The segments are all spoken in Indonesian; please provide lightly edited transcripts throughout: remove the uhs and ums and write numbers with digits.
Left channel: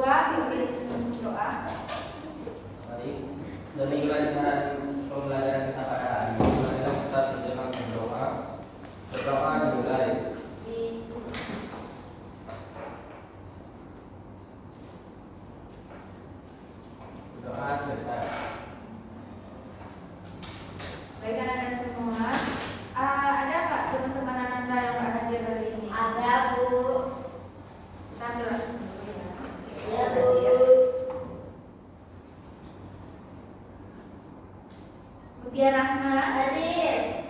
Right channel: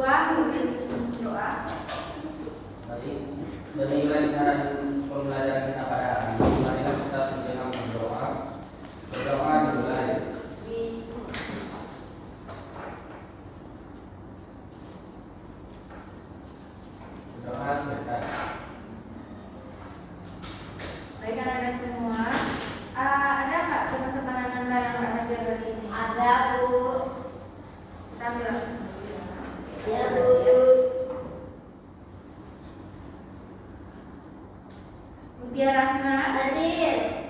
Ketua pimpin doa. Baik, dari rancangan pembelajaran kita pada hari ini, marilah kita sejenak berdoa. Berdoa dimulai. Doa selesai. Baik anak-anak semua, ada nggak teman-teman Ananda yang nggak hadir hari ini? Ada, Bu. Kita ambil langsung. Ya, Bu. Mutia Rahma, Hadir.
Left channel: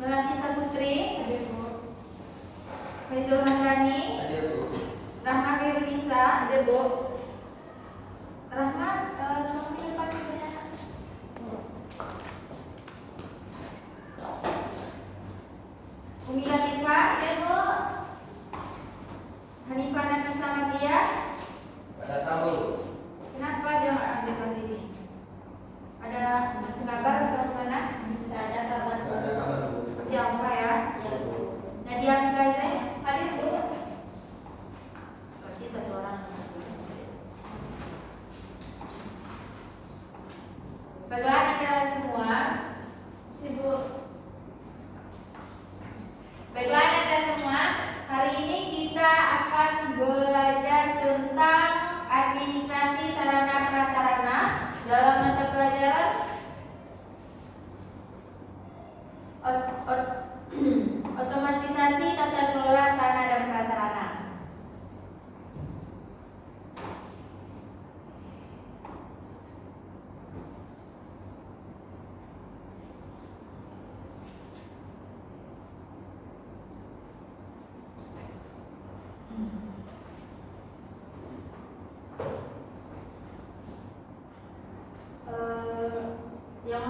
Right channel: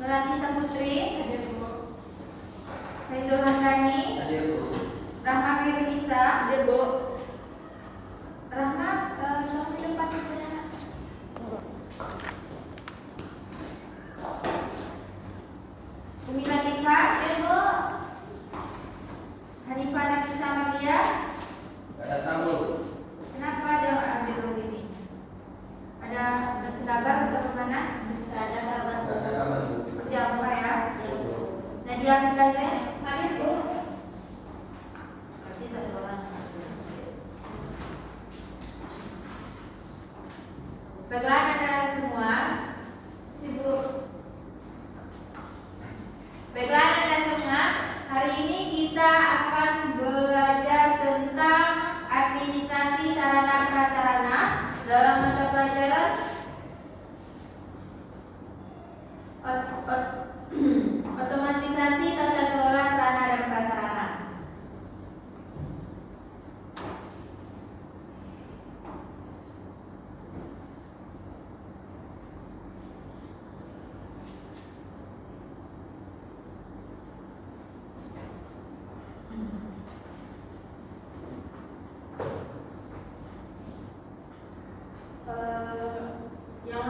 Melati Saputri, hadir Bu. Faizul Hasani, Hadir, Bu. Rahma Khairunisa, Hadir, Bu. Rahma, sampai depan ibunya. Umi Latifah, Hadir, Bu. Hanifah Nafisa Matia. Ada tamu. Kenapa dia nggak ambil hari ini? Ada ngasih kabar atau gimana? Tidak ada kabar, Bu. Ada kabar, Bu. Jangan lupa ya. Ya, Bu. Nadia Afika saya. Hadir, Bu. Berarti satu orang. Baiklah anak-anak semua, sibuk. Baiklah anak-anak semua, hari ini kita akan belajar tentang administrasi sarana prasarana dalam mata pelajaran otomatisasi tata kelola sarana dan prasarana. Yang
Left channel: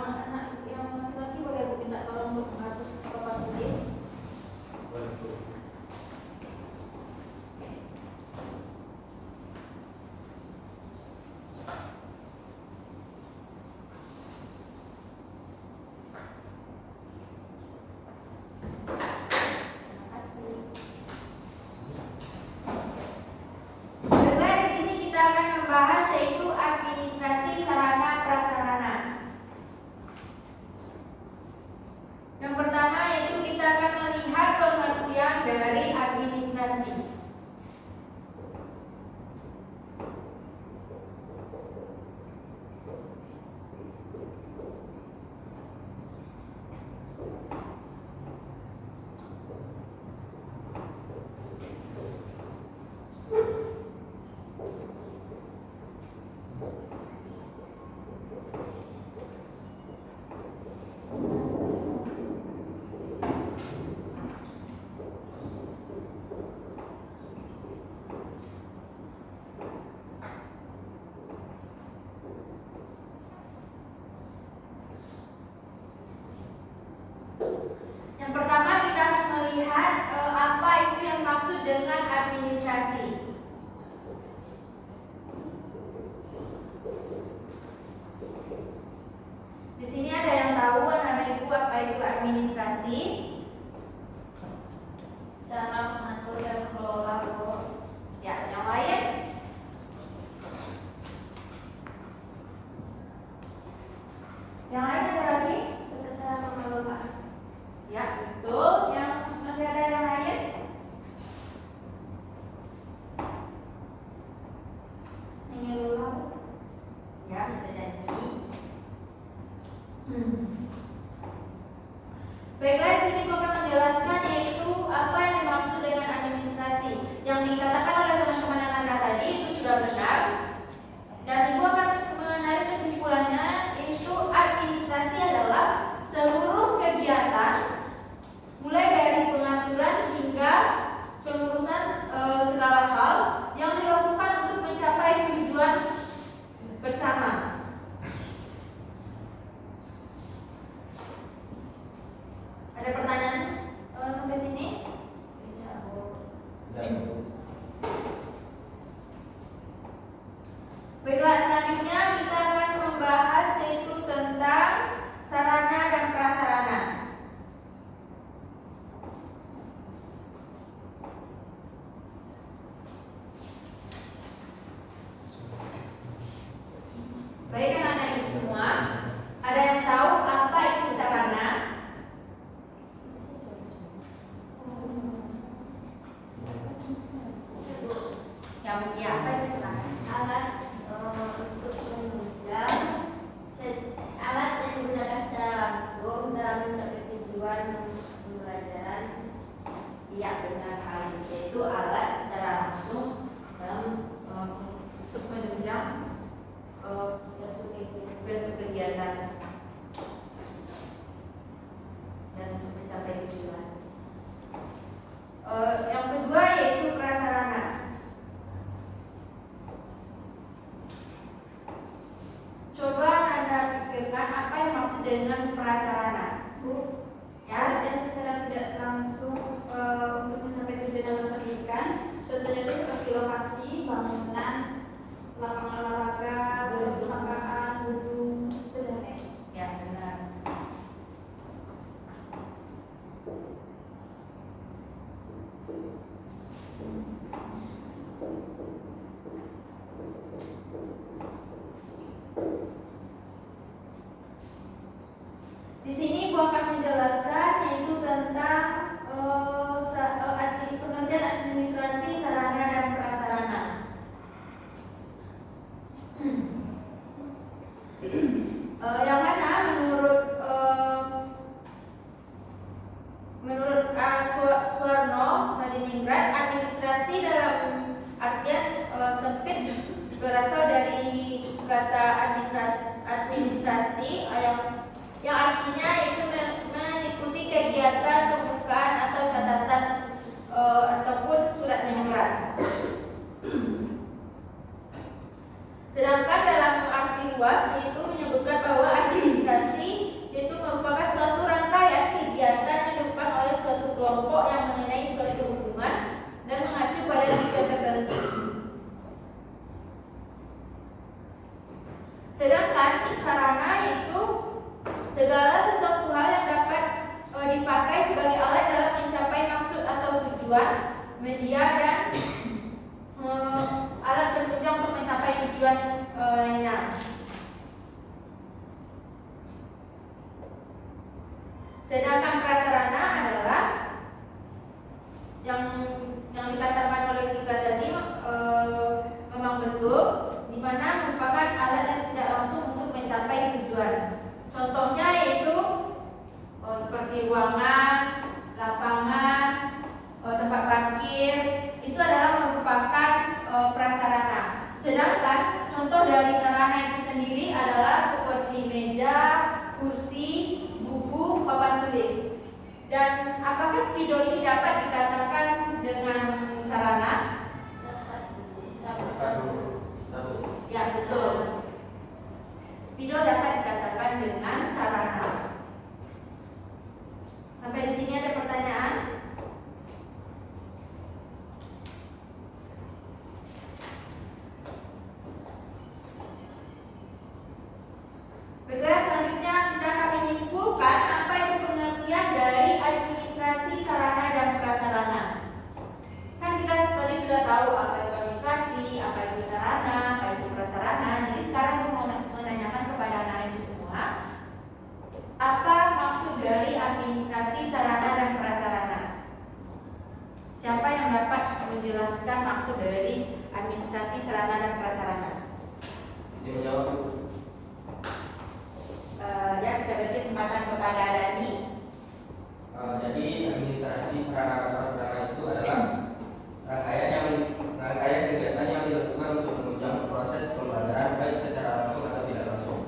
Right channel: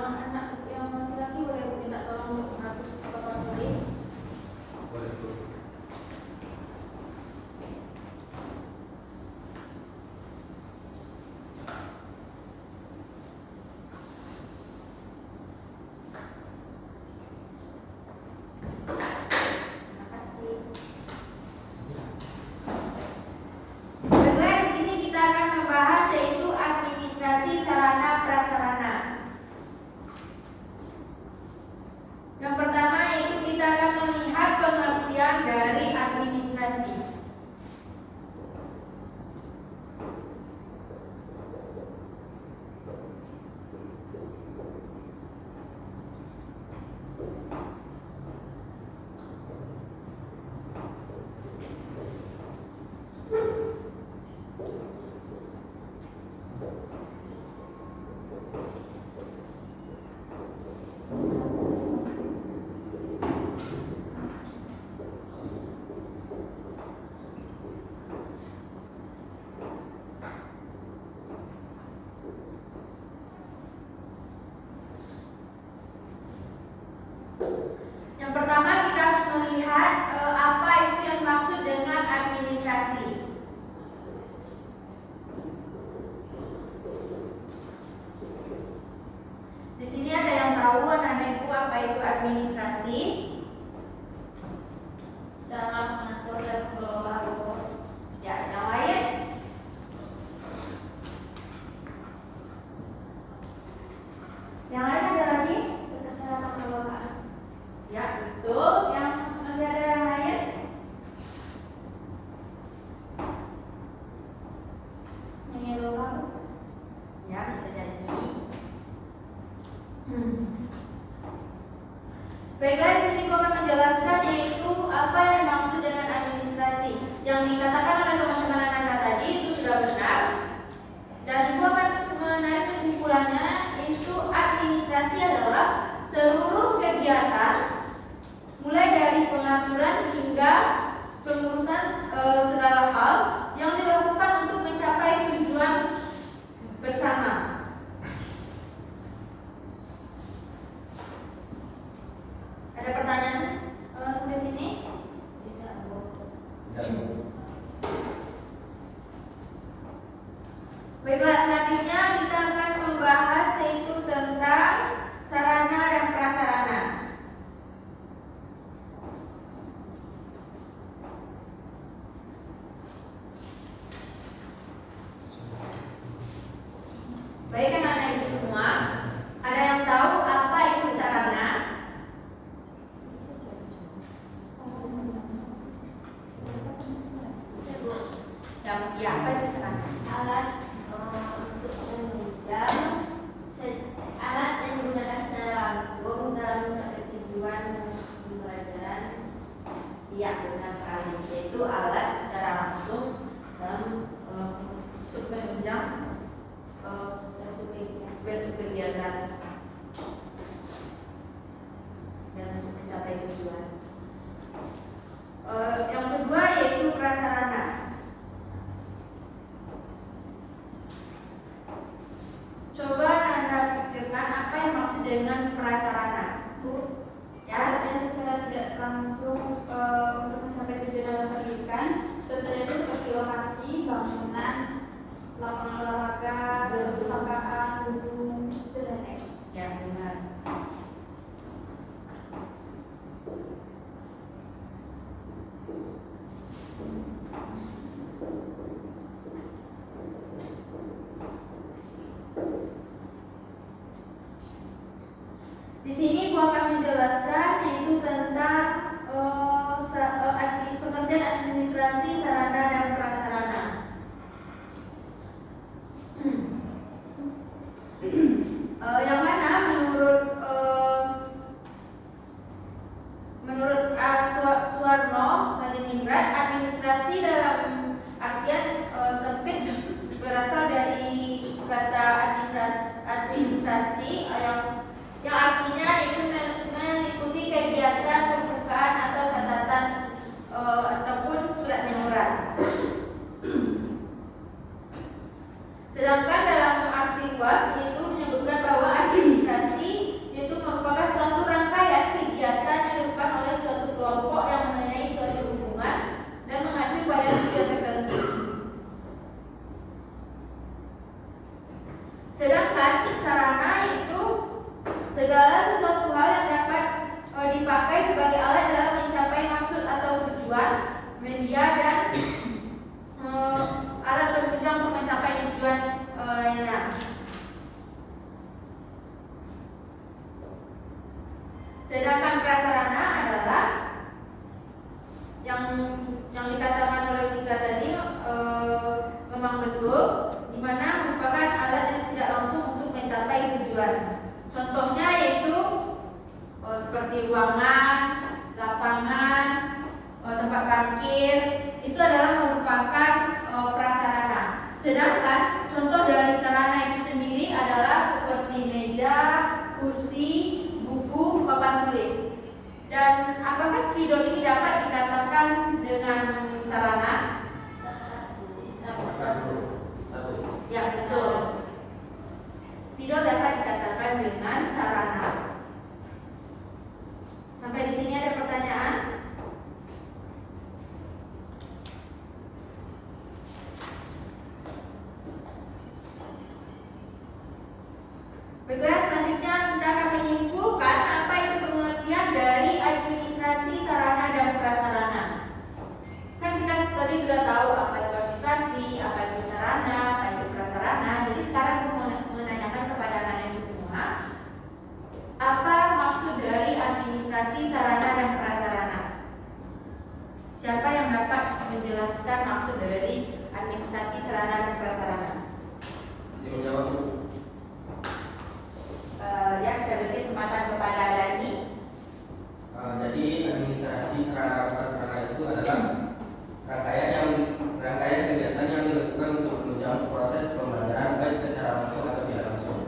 laki-laki boleh Bu minta tolong untuk menghapus papan tulis. Boleh, Bu. Terima kasih. Baiklah, di sini kita akan membahas yaitu administrasi sarana prasarana. Yang pertama yaitu kita akan melihat pengertian dari administrasi. Yang pertama kita harus melihat apa itu yang maksud dengan administrasi. Di sini ada yang tahu anak-anak ibu apa itu administrasi? Cara mengatur dan mengelola, Bu. Ya, yang lain? Yang lain ada lagi? Kita cara mengelola. Ya, betul. Yang masih ada yang lain? Mengelola, Bu. Ya, bisa jadi. Baiklah, di sini gua akan menjelaskan yaitu apa yang dimaksud dengan administrasi. Yang dikatakan oleh teman-teman Ananda tadi itu sudah benar. Dan ibu akan menarik kesimpulannya yaitu administrasi adalah seluruh kegiatan mulai dari pengaturan hingga pengurusan segala hal yang dilakukan untuk mencapai tujuan bersama. Ada pertanyaan sampai sini? Tidak, Bu. Tidak, Bu. Baiklah, selanjutnya kita akan membahas yaitu tentang sarana dan prasarana. Ya, apa itu sarana? Alat untuk menunjang alat yang digunakan secara langsung dalam mencapai tujuan pembelajaran. Iya, benar sekali. Yaitu alat secara langsung dalam untuk menunjang suatu kegiatan dan untuk mencapai tujuan. Yang kedua yaitu prasarana. Coba Anda pikirkan apa yang maksud dengan prasarana. Bu, Ya, alat yang secara tidak langsung untuk mencapai tujuan dalam pendidikan. Contohnya itu seperti lokasi, bangunan, lapangan olahraga, perpustakaan, gedung, itu dan lain. ya benar. Di sini Bu akan menjelaskan yaitu tentang pengertian administrasi sarana dan prasarana. Yang mana menurut Suwarno Hadiningrat, administrasi dalam artian sempit berasal dari kata administrasi yang artinya itu mengikuti kegiatan pembukaan atau catatan ataupun surat memoran. Sedangkan dalam arti luas itu menyebutkan bahwa administrasi itu merupakan suatu rangkaian kegiatan yang dilakukan oleh suatu kelompok yang mengenai suatu hubungan dan mengacu pada tujuan tertentu. Sedangkan sarana itu segala sesuatu hal yang dapat dipakai sebagai alat dalam mencapai maksud atau tujuan, media dan alat penunjang untuk mencapai tujuannya. Sedangkan prasarana adalah yang dikatakan oleh Vika tadi memang betul, di mana merupakan alat yang tidak langsung untuk mencapai tujuan. Contohnya yaitu seperti ruangan, lapangan, tempat parkir, itu adalah merupakan prasarana. Sedangkan contoh dari sarana itu sendiri adalah seperti meja, kursi, buku, papan tulis. Dan apakah spidol ini dapat dikatakan dengan sarana? Ya, betul. Spidol dapat dikatakan dengan sarana. Sampai di sini ada pertanyaan? Baiklah, selanjutnya kita akan menyimpulkan apa itu pengertian dari administrasi sarana dan prasarana. Kan kita tadi sudah tahu apa itu administrasi, apa itu sarana, apa itu prasarana. Jadi sekarang saya mau menanyakan kepada anak-anak itu semua, apa maksud dari administrasi sarana dan prasarana? Siapa yang dapat menjelaskan maksud dari administrasi sarana dan prasarana? Ya, kita beri kesempatan kepada Dani. Jadi administrasi sarana dan prasarana itu adalah rangkaian kegiatan yang dilakukan untuk menunjang proses pembelajaran baik secara langsung atau tidak langsung.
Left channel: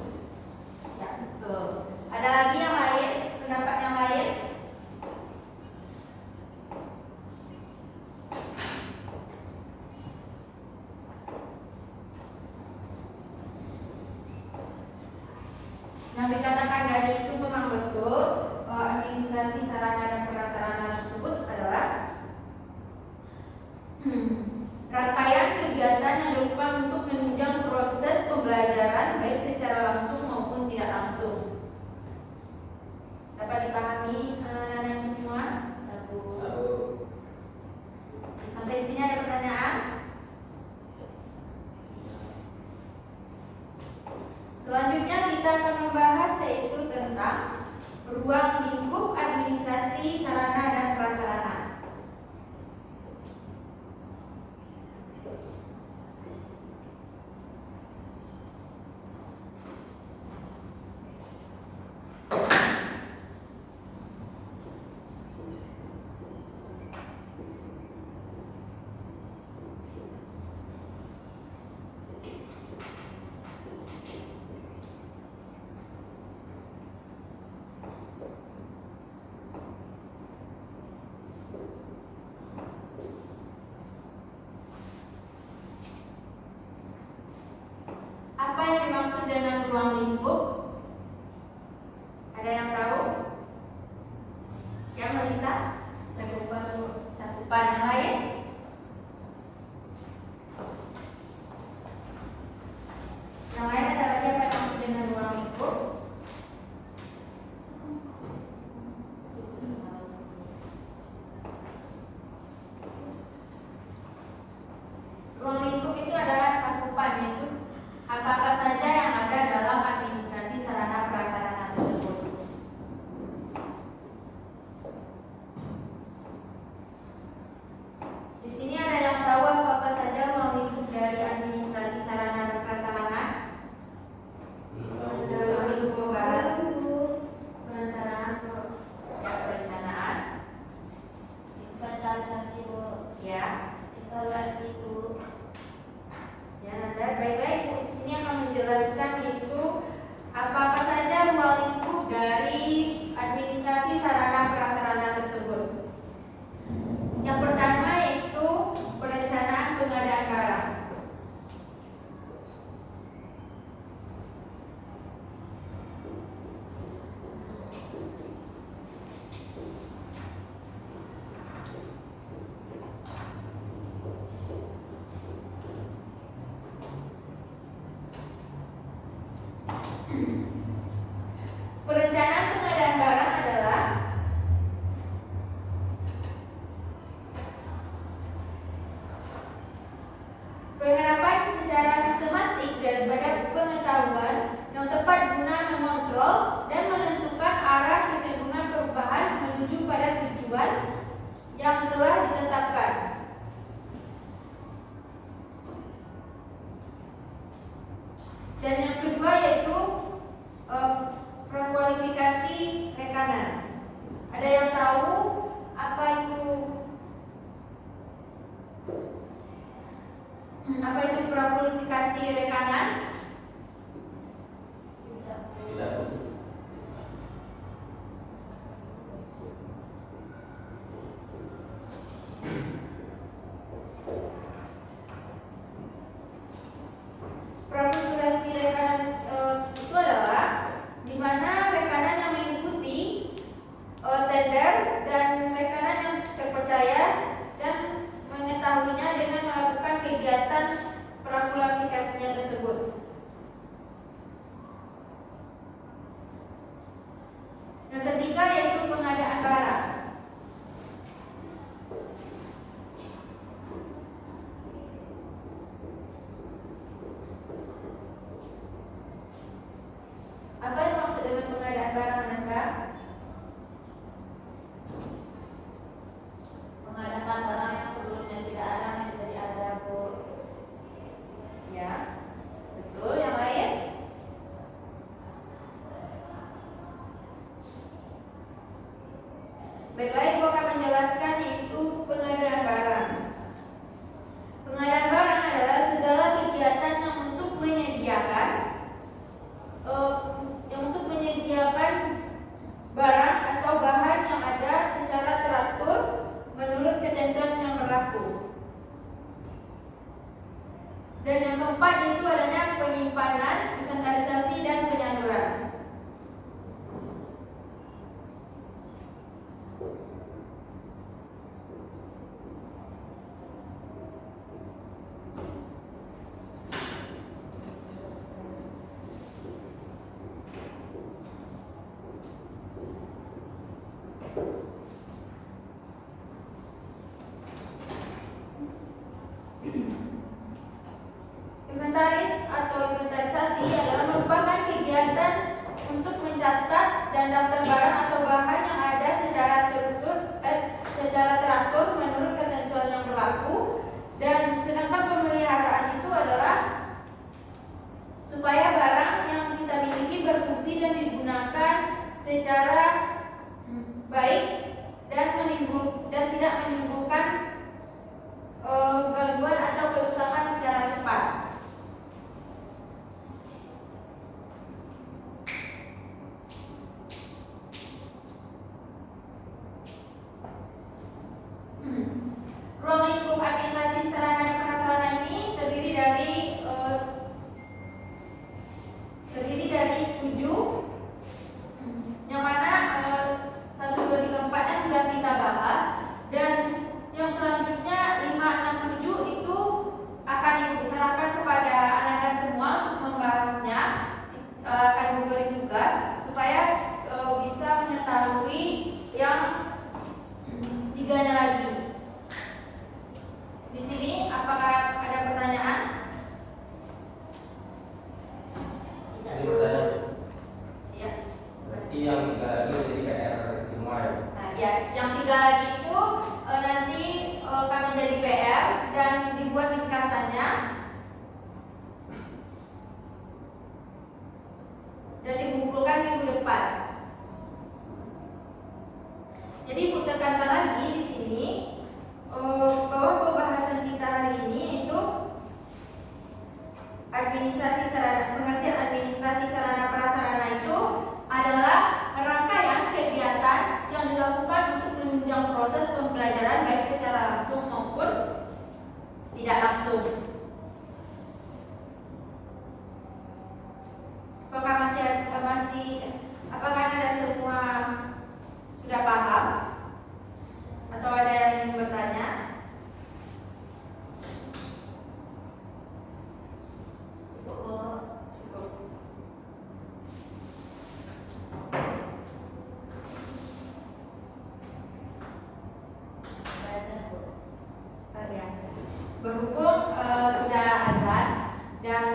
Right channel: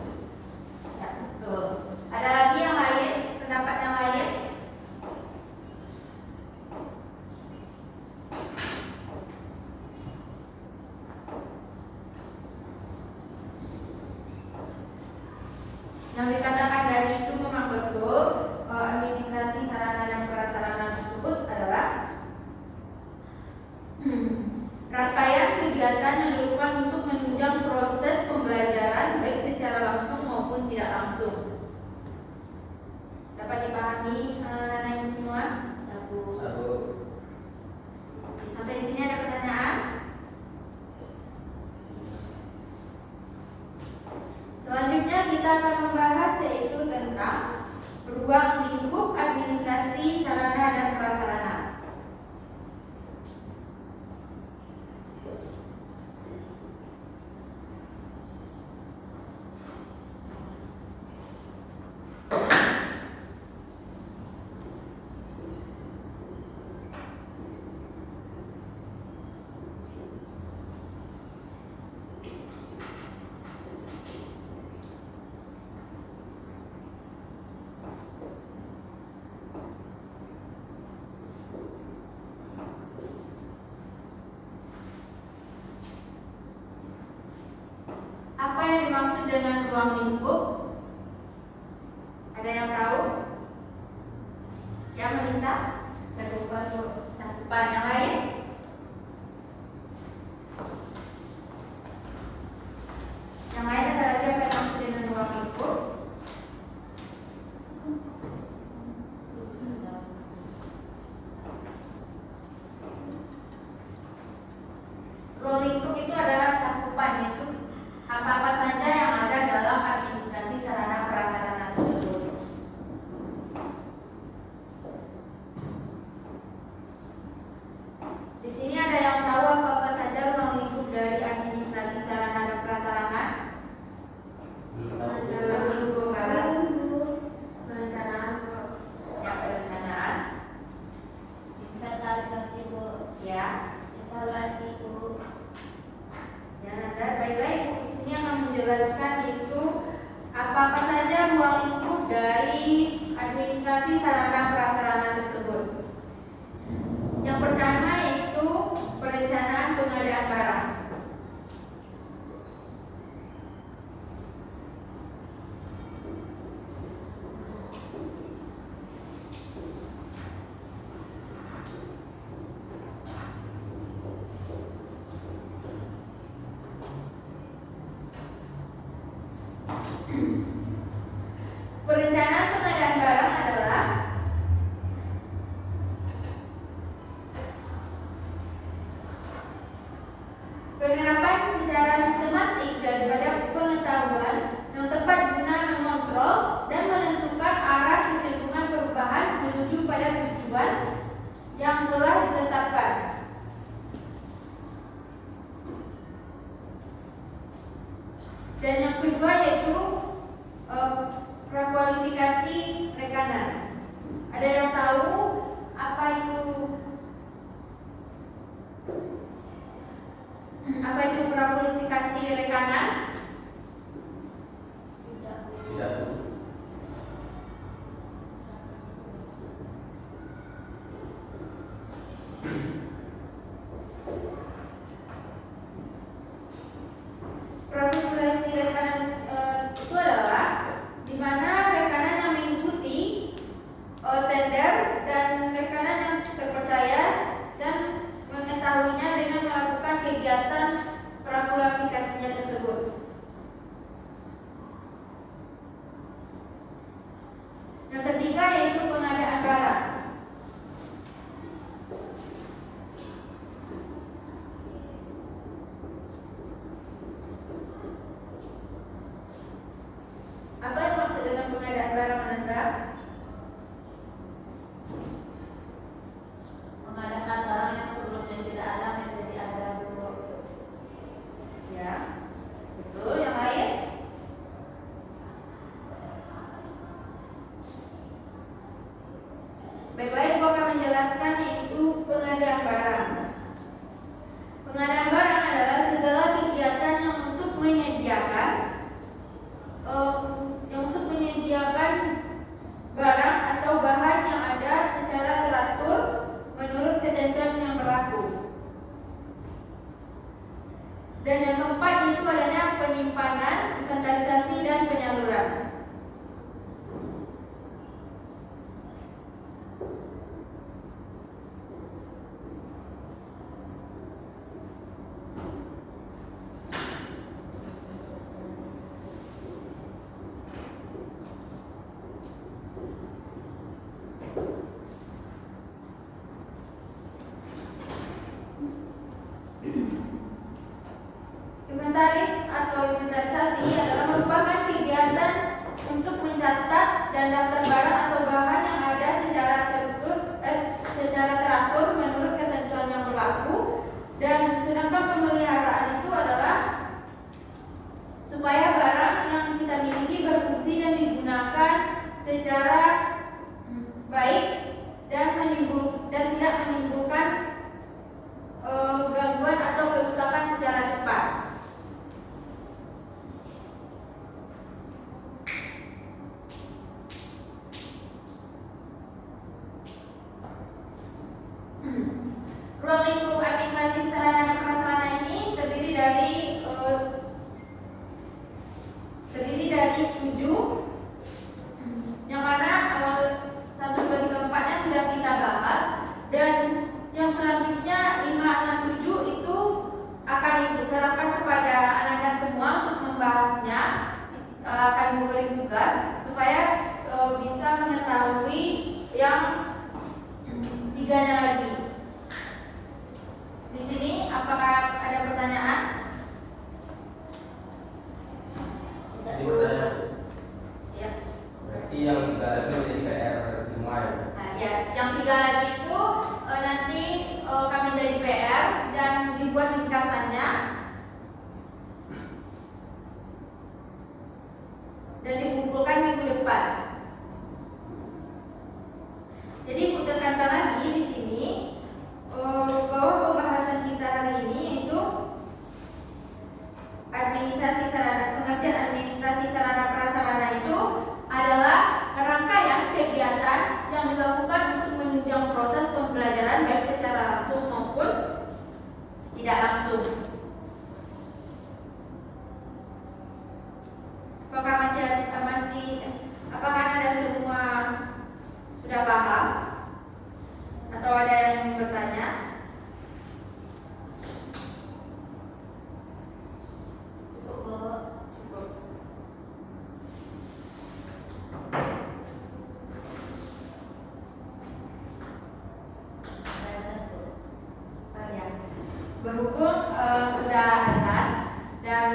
Ya, betul. Ada lagi yang lain? Pendapat yang lain? Yang dikatakan dari itu memang betul. Administrasi sarana dan prasarana tersebut adalah rangkaian kegiatan yang dilakukan untuk menunjang proses pembelajaran baik secara langsung maupun tidak langsung. Dapat dipahami anak-anak semua? Sampai di sini ada pertanyaan? Selanjutnya kita akan membahas yaitu tentang ruang lingkup administrasi sarana dan prasarana. dengan ruang lingkup? Ada yang tahu? Ya, Melisa? Cakupan yang lain? Yang lain ada lagi apa yang maksud dengan ruang lingkup? Ruang lingkup itu adalah cakupan, yaitu apa-apa saja yang ada dalam administrasi sarana prasarana tersebut. Di sini ada yang tahu apa-apa saja ruang lingkup dari administrasi sarana dan prasarana? Belum tahu. Sebelum bahas perencanaan, ya perencanaan, Inventarisasi Bu, ya. evaluasi Bu. Ya, Nanda, baik-baik. Di sini akan menjelaskan itu apa-apa saja ruang lingkup dari administrasi sarana prasarana tersebut. Yang pertama yaitu perencanaan pengadaan barang. Perencanaan pengadaan barang adalah penerapan secara sistematik daripada pengetahuan yang tepat guna mengontrol dan menentukan arah kecenderungan perubahan menuju pada tujuan yang telah ditetapkan. Dan yang kedua yaitu prakualifikasi rekanan. Ada yang tahu apa itu prakualifikasi rekanan? Tidak. Prakualifikasi rekanan itu adalah di mana rekanan yang mengikuti tender dan rekanan yang terpercaya dan mengetahuinya dengan melakukan kegiatan prakualifikasinya tersebut. Yang ketiga yaitu pengadaan barang. Apa yang maksud dengan pengadaan barang, Nanda? Mengadakan barang yang sebelumnya tidak ada menjadi ada Bu. Ya, betul. Yang lain? Baik-baik, aku akan menjelaskan yaitu pengadaan barang. Pengadaan barang adalah segala kegiatan yang untuk menyediakan barang atau bahan yang ada secara teratur menurut ketentuan yang berlaku. Dan yang keempat itu adanya penyimpanan, inventarisasi dan penyaluran. Inventaris atau inventarisasi adalah merupakan kegiatan untuk mencatat dan daftar barang atau bahan yang ada secara teratur menurut ketentuan yang berlaku. Dan sedangkan pemeliharaan itu adalah supaya barang yang kita miliki berfungsi dan digunakan secara baik dan tidak menimbulkan gangguan atau kerusakan secara cepat. Ruang lingkup administrasi sarana dan prasarana ini terdiri dari tiganya lagi. Di sini apakah ada pertanyaan? Jadi pertanyaan, Ya. berarti yang 3 lagi menjadi PR semua ya? Nah, ya, yang 3 lagi itu nanti kami jadi PR dan dibuat ringkasannya dan dikumpulkan minggu depan. Jadi tekankan lagi di sini bahwa pembahasan kita hari ini itu pengertian administrasi sarana prasarana itu adalah rangkaian kegiatan yang dilakukan untuk menunjang proses pembelajaran baik secara langsung maupun tidak langsung. Apakah Anda semua sudah paham atau ada yang ingin bertanya? Cukup. Berhubung sudah azan dan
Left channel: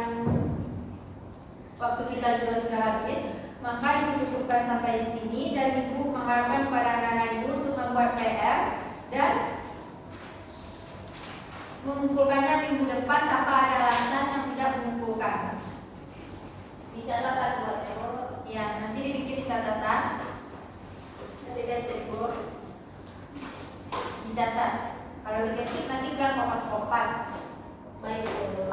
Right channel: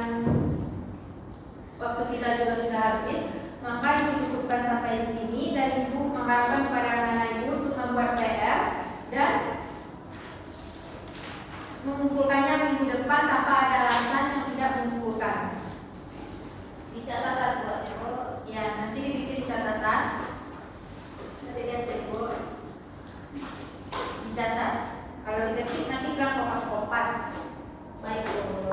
waktu kita juga sudah habis, maka dicukupkan sampai di sini dan Ibu mengharapkan kepada anak-anak Ibu untuk membuat PR dan mengumpulkannya minggu depan tanpa ada alasan yang tidak mengumpulkan. Di catatan buat Ibu. Ya, nanti dibikin di catatan. Nanti Ibu dicatat. Kalau diketik nanti bilang kopas-kopas. Baik Bu.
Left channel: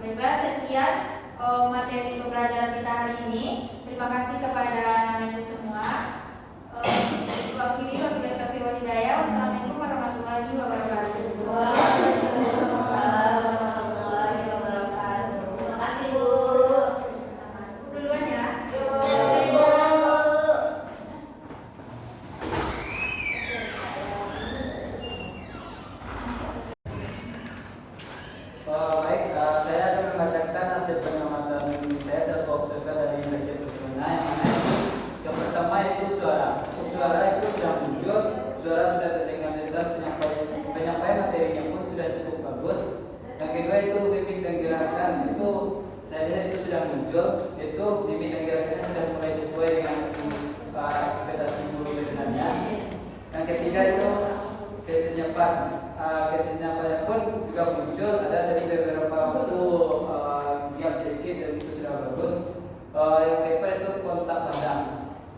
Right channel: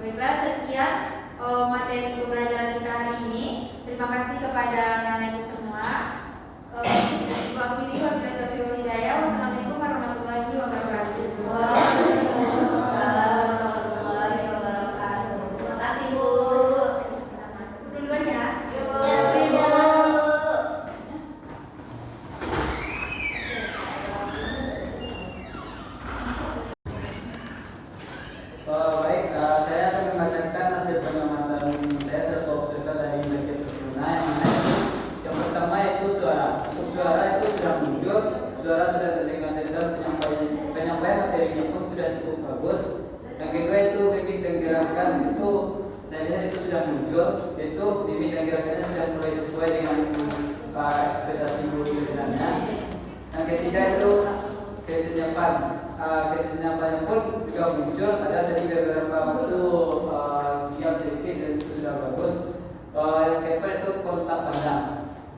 Baiklah, sekian materi pembelajaran kita hari ini. Terima kasih kepada anak-anak Ibu semua. Wakili wabillahi taufiq wal hidayah. Wassalamualaikum warahmatullahi wabarakatuh. Terima kasih Bu. Duluan ya. Baik, saya akan membacakan hasil pengamatan saya serta observasi dari bagian terkena yang mana yang pertama itu suara. Untuk suara itu sudah muncul, suara sudah terdengar jelas, penyampaian materinya pun sudah cukup bagus. Yang kedua itu mimik dan gerakan itu saya lihat itu sudah muncul, itu mimik dan gerakannya sudah mulai sesuai dengan ekspektasi guru sebenarnya. Yang ketiga itu kesenyapannya pun juga muncul, ada tadi beberapa waktu diam sedikit dan itu sudah bagus. Yang keempat itu kontak pandang.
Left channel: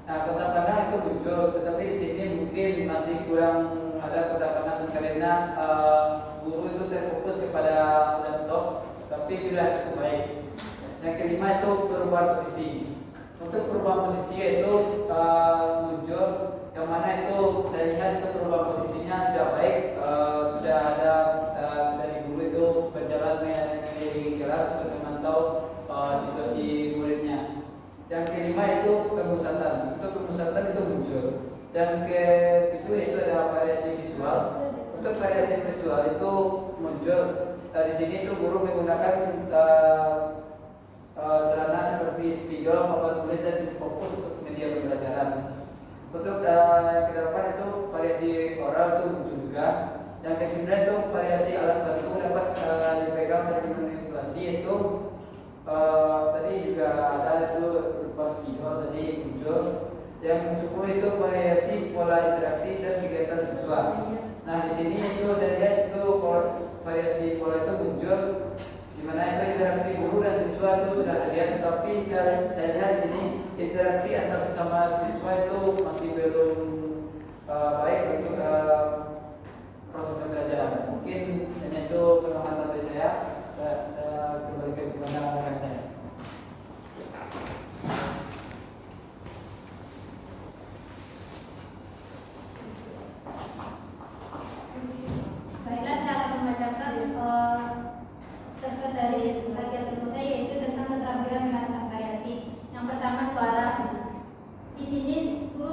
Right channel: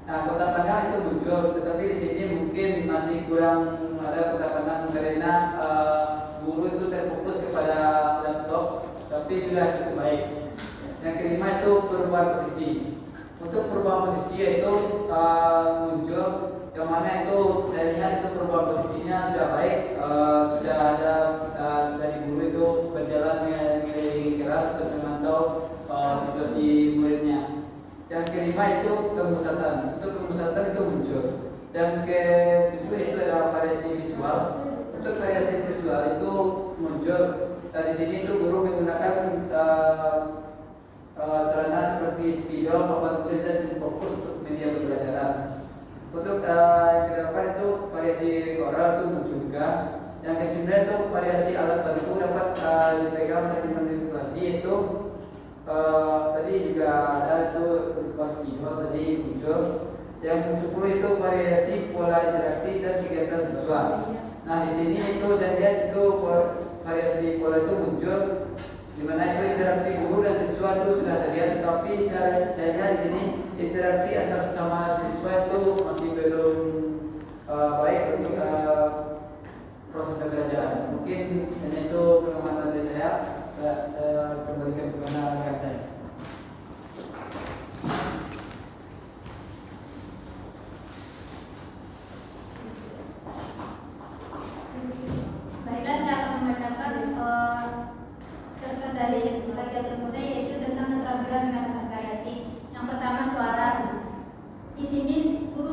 Nah, kontak pandang itu muncul, tetapi di sini mungkin masih kurang ada kontak pandang karena guru itu terfokus kepada laptop, tapi sudah cukup baik. Yang kelima itu perubahan posisi. Untuk perubahan posisi itu muncul, yang mana itu saya lihat itu perubahan posisinya sudah baik, sudah ada dari guru itu berjalan mengelilingi kelas untuk memantau situasi muridnya. Yang kelima itu pemusatan. Untuk pemusatan itu muncul. Dan ketujuh itu ada variasi visual. Untuk variasi visual itu muncul. Di sini itu guru menggunakan sarana seperti spidol, papan tulis dan fokus untuk media pembelajaran. Untuk yang ke-8 itu variasi oral itu muncul juga. Yang ke-9 itu variasi alat bantu dapat dipegang dan dimanipulasi itu tadi juga ada itu berupa spidol tadi muncul. Yang ke-10 itu variasi pola interaksi dan kegiatan siswa. Nah di sini itu saya lihat itu variasi pola itu muncul, di mana itu interaksi guru dan siswa itu sudah terlihat, tapi saya lihat di sini interaksi antar sesama siswa itu masih belum baik untuk proses pembelajaran. Mungkin ini itu pengamatan dari saya kembalikan kepada rekan saya. Baiklah, saya akan membacakan serta dari bagian berikutnya, yaitu tentang keterampilan mengatakan variasi. Yang pertama, suara. Di sini guru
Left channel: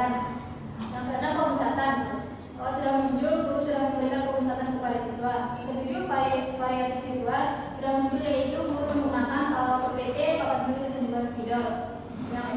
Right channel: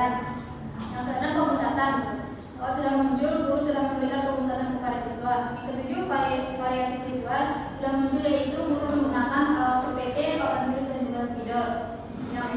kegiatan. Yang keenam, pemusatan. Sudah muncul, guru sudah memberikan pemusatan kepada siswa. Yang ketujuh, variasi visual sudah muncul, yaitu guru menggunakan PPT, papan tulis dan juga spidol. Yang